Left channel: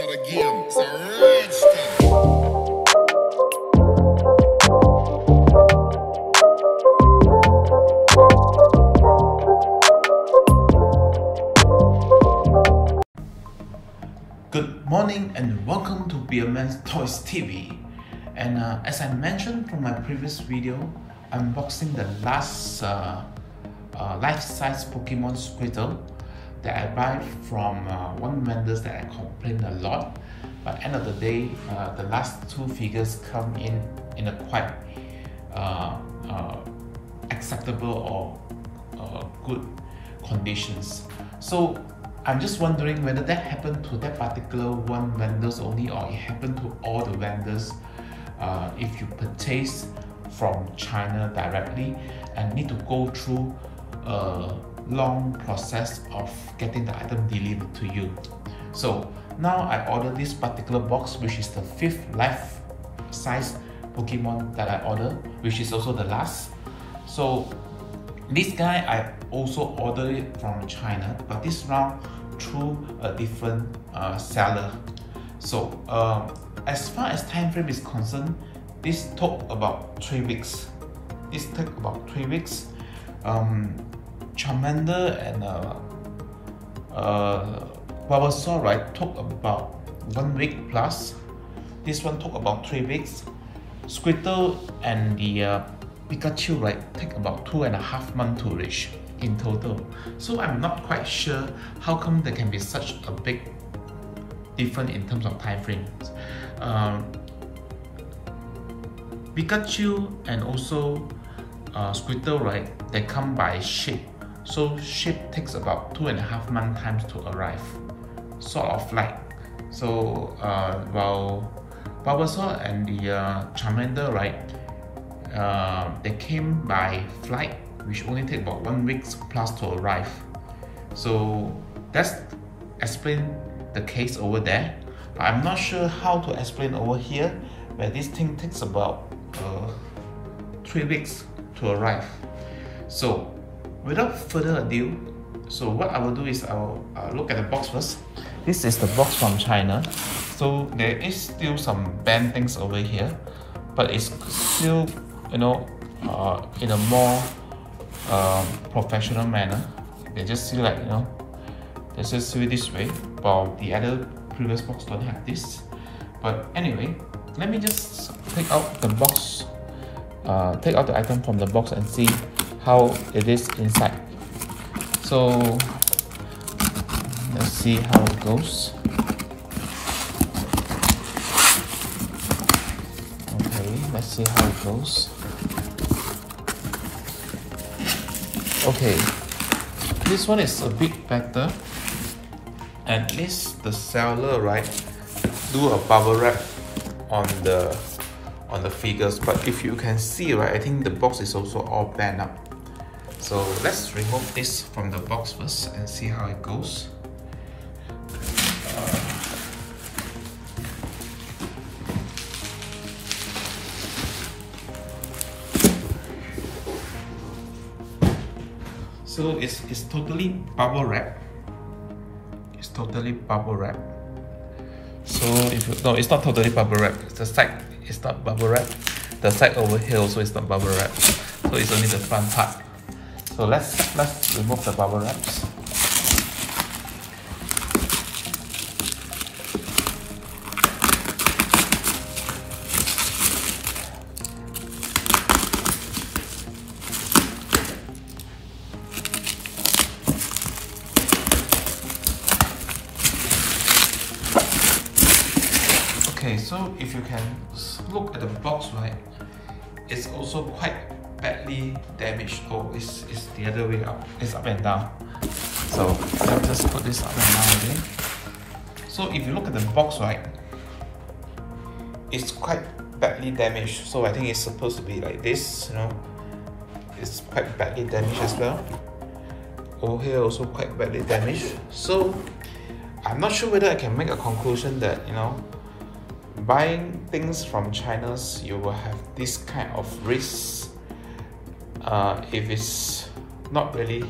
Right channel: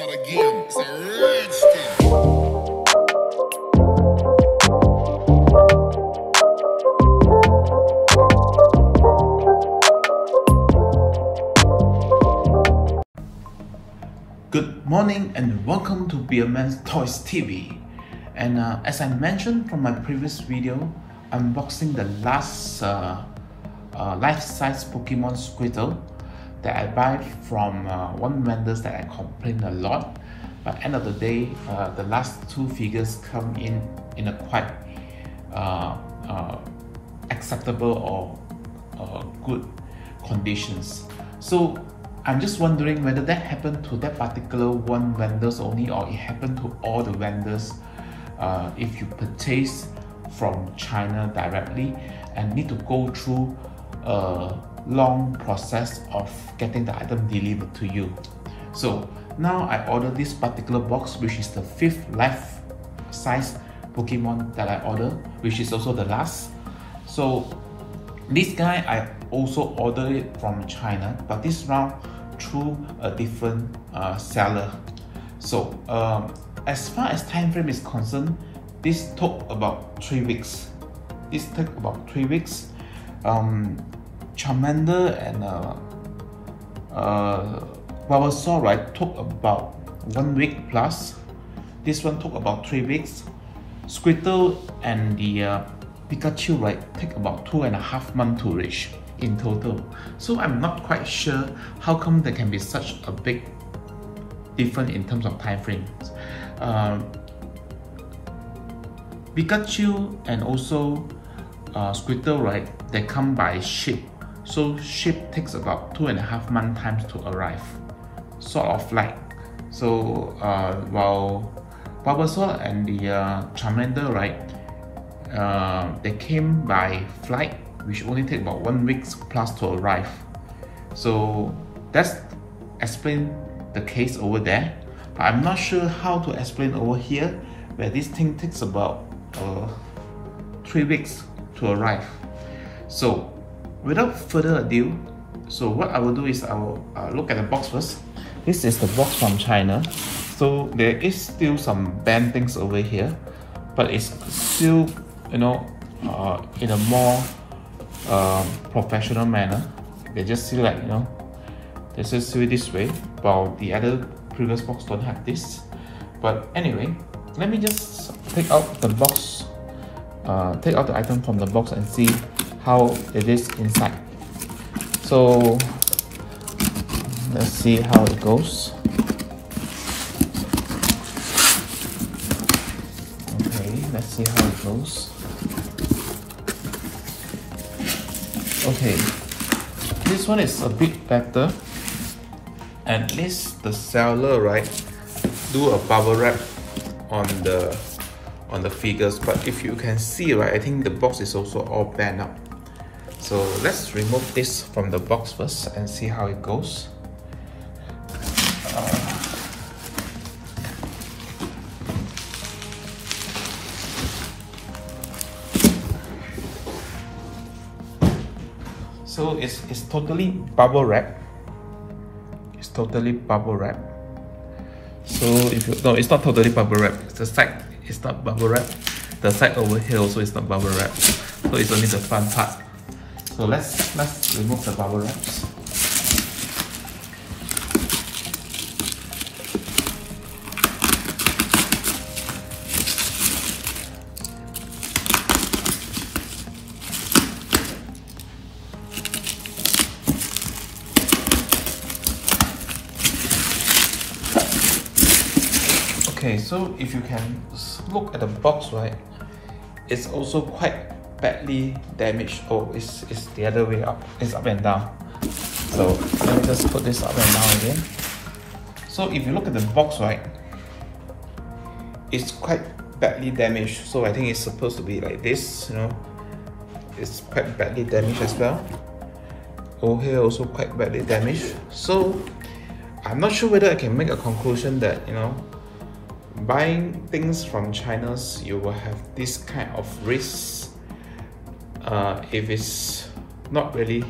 not a game, it's a rich thing. Good morning and welcome to Beaman ToysTV. And as I mentioned from my previous video, I'm unboxing the last life-size Pokemon Squirtle that I buy from one vendor that I complained a lot. But end of the day, the last two figures come in a quite acceptable or good conditions. So I'm just wondering whether that happened to that particular one vendors only, or it happened to all the vendors if you purchase from China directly and need to go through a long process of getting the item delivered to you. So now I ordered this particular box, which is the 5th life-size Pokemon that I ordered, which is also the last. So this guy I also ordered it from China, but this round through a different seller. So as far as time frame is concerned, this took about 3 weeks. This took about 3 weeks. Charmander and Bulbasaur, right, took about 1 week plus. This one took about 3 weeks. Squirtle and the Pikachu, right, take about 2.5 months to reach in total. So I'm not quite sure how come there can be such a big difference in terms of time frames. Pikachu and also Squirtle, right, they come by ship. So ship takes about 2.5 months times to arrive, sort of like. So while Bulbasaur and the Charmander, right, they came by flight, which only take about 1 week plus to arrive. So that's explain the case over there. But I'm not sure how to explain over here, where this thing takes about 3 weeks to arrive. So without further ado, so what I will do is I will look at the box first. This is the box from China. So there is still some band things over here, but it's still, you know, in a more professional manner. They just see, like, you know, they just see it this way, while the other previous box don't have this. But anyway, let me just take out the box, take out the item from the box and see how it is inside. So let's see how it goes. Okay, let's see how it goes. Okay, this one is a bit better. At least the seller, right, do a bubble wrap on the figures. But if you can see, right, I think the box is also all bent up. So let's remove this from the box first and see how it goes. So it's totally bubble wrap. It's totally bubble wrap. So if you, no, it's not totally bubble wrap. The side is not bubble wrap. The side over here also is not bubble wrap. So it's only the front part. So let's remove the bubble wraps. Okay, so if you can look at the box, right, it's also quite badly damaged. Oh, it's the other way up. It's up and down. So let me just put this up and down again. So if you look at the box, right, it's quite badly damaged. So I think it's supposed to be like this, you know. It's quite badly damaged as well. Over here also quite badly damaged. So I'm not sure whether I can make a conclusion that, you know, buying things from China, you will have this kind of risk if it's not really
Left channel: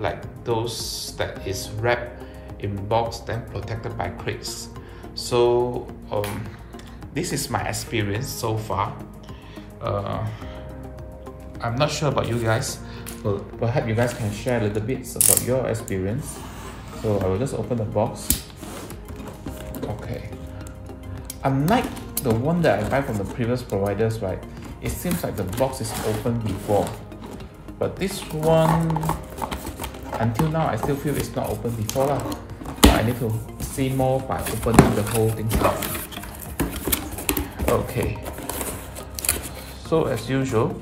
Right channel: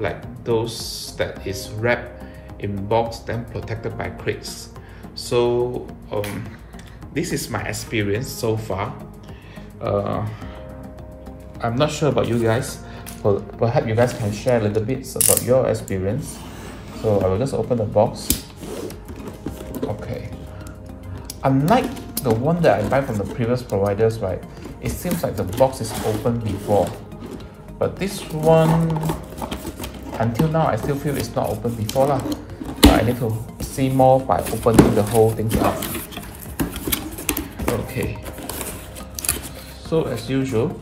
like those that is wrapped in box then protected by crates. So this is my experience so far. I'm not sure about you guys, but perhaps you guys can share a little bit about your experience. So I will just open the box. Okay. Unlike the one that I buy from the previous providers, right, it seems like the box is open before. But this one, until now, I still feel it's not open before lah. I need to see more by opening the whole thing up. Okay. So as usual,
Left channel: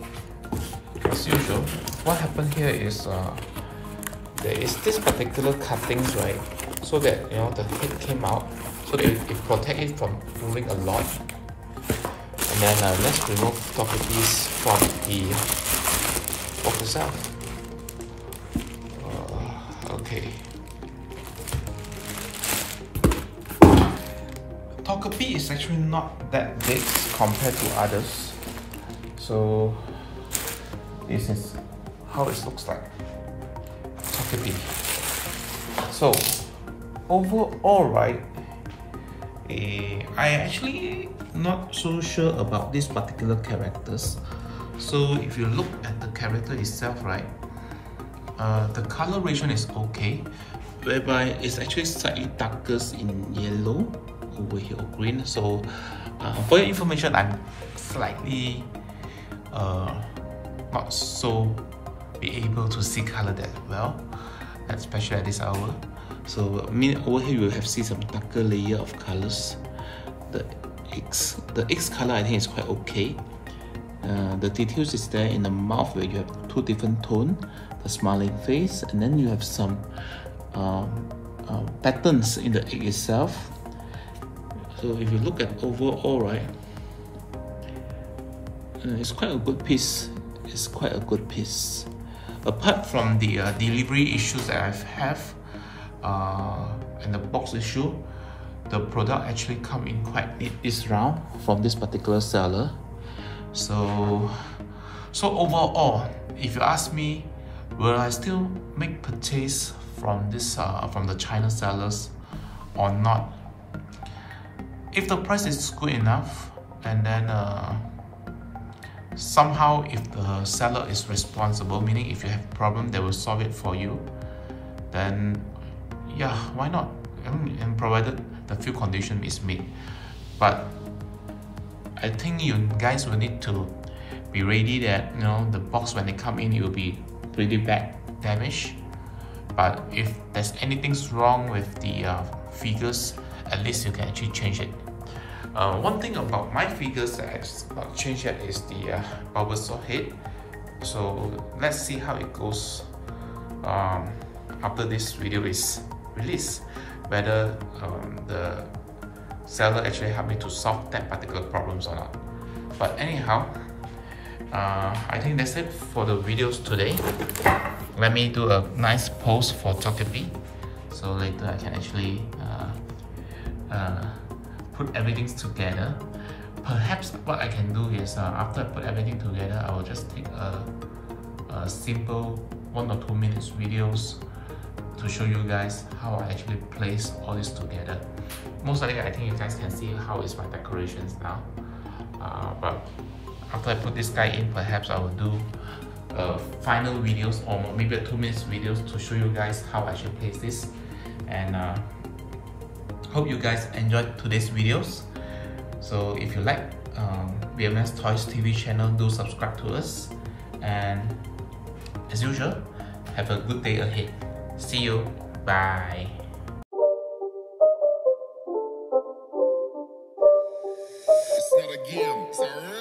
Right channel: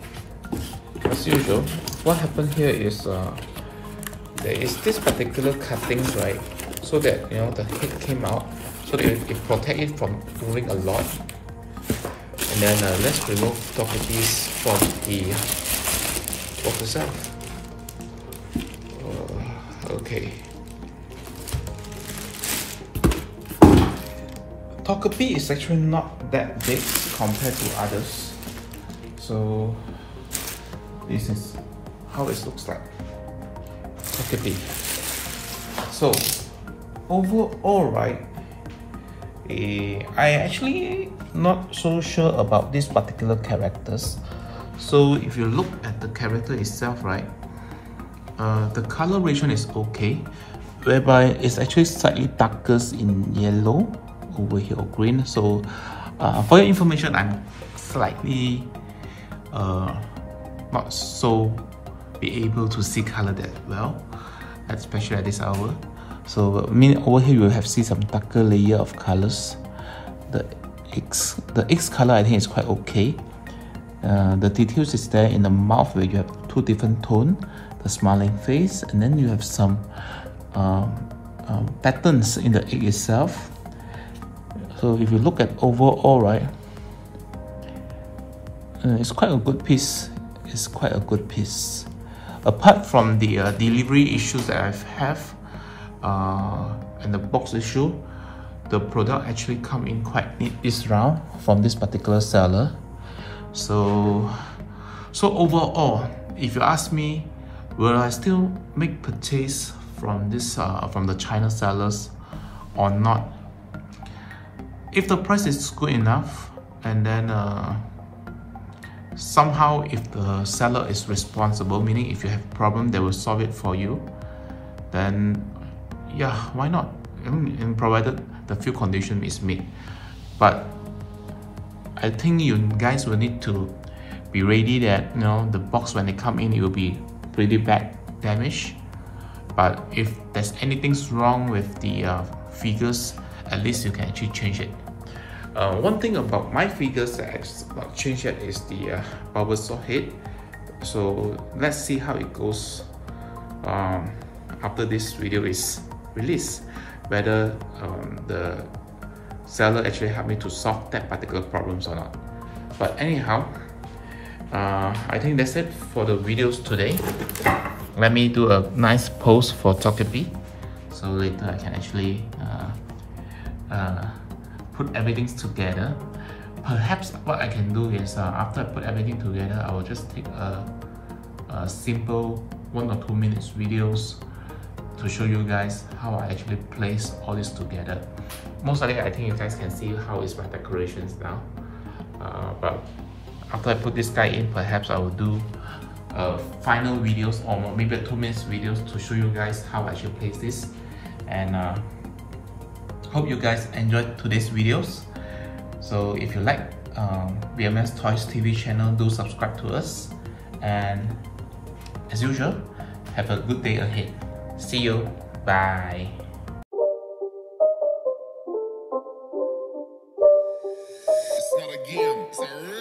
what happened here is there is this particular cuttings, right? So that the head came out, so that it protects it from moving a lot. And then let's remove Togepi's from the box itself. Okay. Togepi is actually not that big compared to others. So this is how it looks like. Togepi. So overall, right, I actually not so sure about these particular characters. So if you look at the character itself, right, the coloration is okay, whereby it's actually slightly darker in yellow over here, or green. So for your information, I'm slightly not so be able to see color that well, especially at this hour. So over here you will have see some darker layer of colors. The X color I think is quite okay. The details is there in the mouth where you have two different tones, the smiling face, and then you have some patterns in the egg itself. So if you look at overall, right, it's quite a good piece. It's quite a good piece. Apart from the delivery issues that I have and the box issue, the product actually come in quite neat this round from this particular seller. So overall, if you ask me, will I still make purchase from this from the China sellers or not? If the price is good enough, and then somehow if the seller is responsible, meaning if you have problem they will solve it for you, then yeah, why not? And provided the few condition is met. But I think you guys will need to be ready that the box when they come in, it will be really bad damage. But if there's anything wrong with the figures, at least you can actually change it. One thing about my figures that I've not changed yet is the bubble saw head. So let's see how it goes after this video is released, whether the seller actually helped me to solve that particular problems or not. But anyhow, I think that's it for the videos today. Let me do a nice pose for Togepi, so later I can actually put everything together. Perhaps what I can do is after I put everything together, I will just take a simple 1 or 2 minutes videos to show you guys how I actually place all this together. Most likely I think you guys can see how is my decorations now. But after I put this guy in, perhaps I will do final videos or maybe a 2 minutes videos to show you guys how I should place this. And hope you guys enjoyed today's videos. So if you like Beaman ToysTV channel, do subscribe to us. And as usual, have a good day ahead. See you. Bye. It's not a game, it's a